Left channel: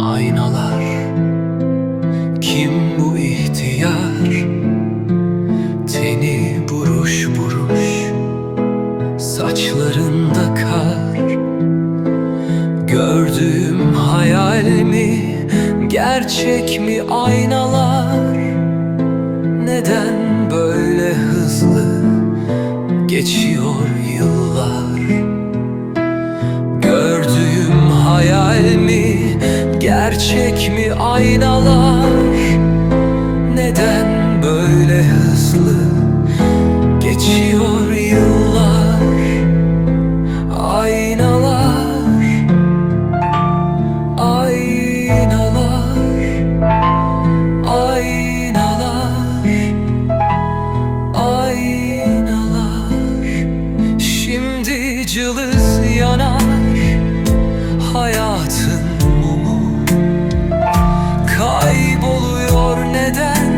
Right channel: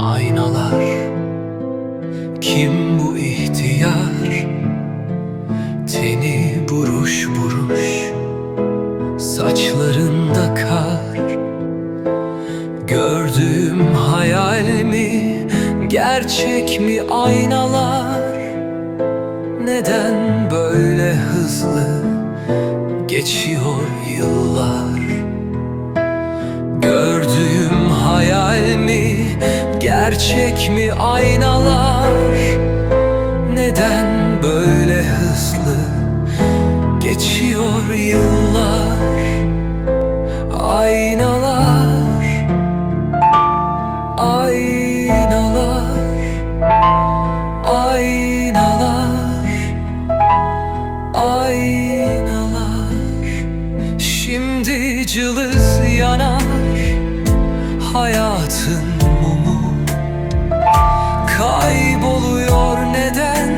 aynalar Kim bu ihtiyar? Teni buruş buruş Saçlarında kar. Gördüğüm hayal mi Gerçek mi aynalar? Neden böyle hızlı Geçiyor yıllar? Gördüğüm hayal mi, gerçek mi aynalar? Neden böyle hızlı geçiyor yıllar? Aynalar, aynalar, aynalar, aynalar. Şimdi cılız yanar hayatın Kayboluyor neden?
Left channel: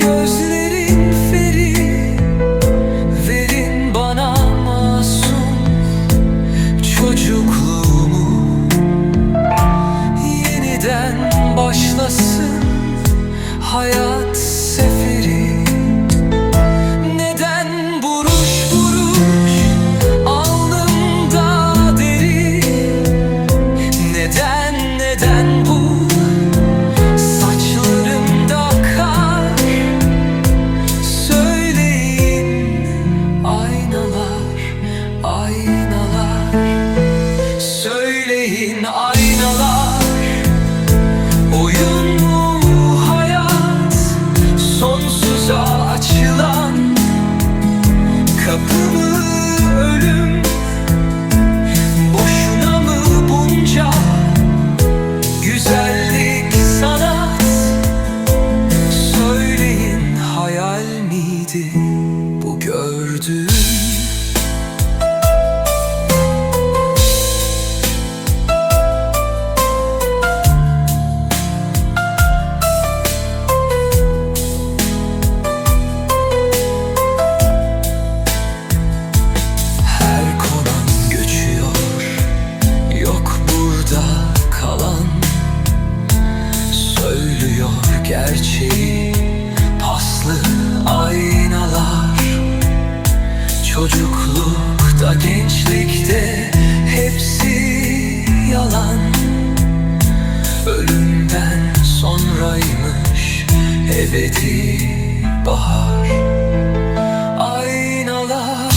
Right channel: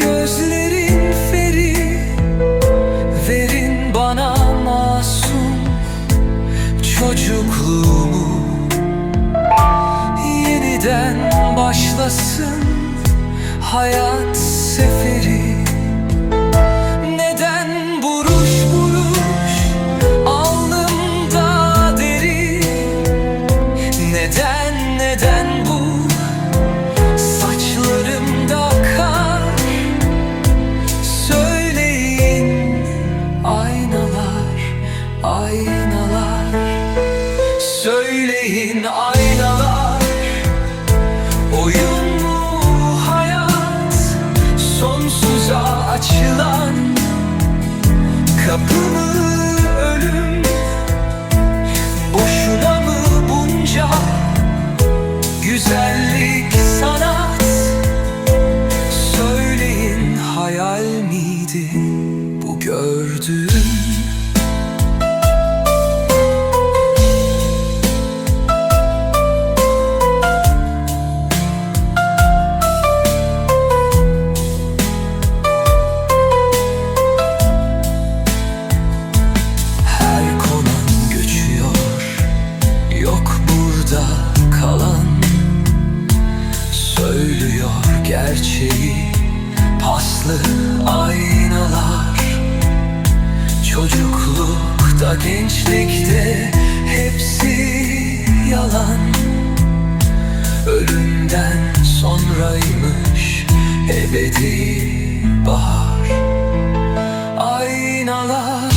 Gözlerin feri Verin bana masum çocukluğumu. Yeniden başlasın hayat seferi. Neden buruş buruş alnımda deri? Neden neden bu saçlarımda kar. Söyleyin aynalar aynalar. Söyleyin aynalar. Oyun mu hayat? Sonsuza açılan Kapı mı ölüm? Boşuna mı bunca Güzellik sanat Söyleyin hayal miydi Bu gördüğüm? Her konan göçüyor Yok burada kalan Söylüyor gerçeği. Paslı aynalar. Çocuklukta gençlikte Hepsi yalan. Ölümden sonraymış Ebedi bahar. Aynalar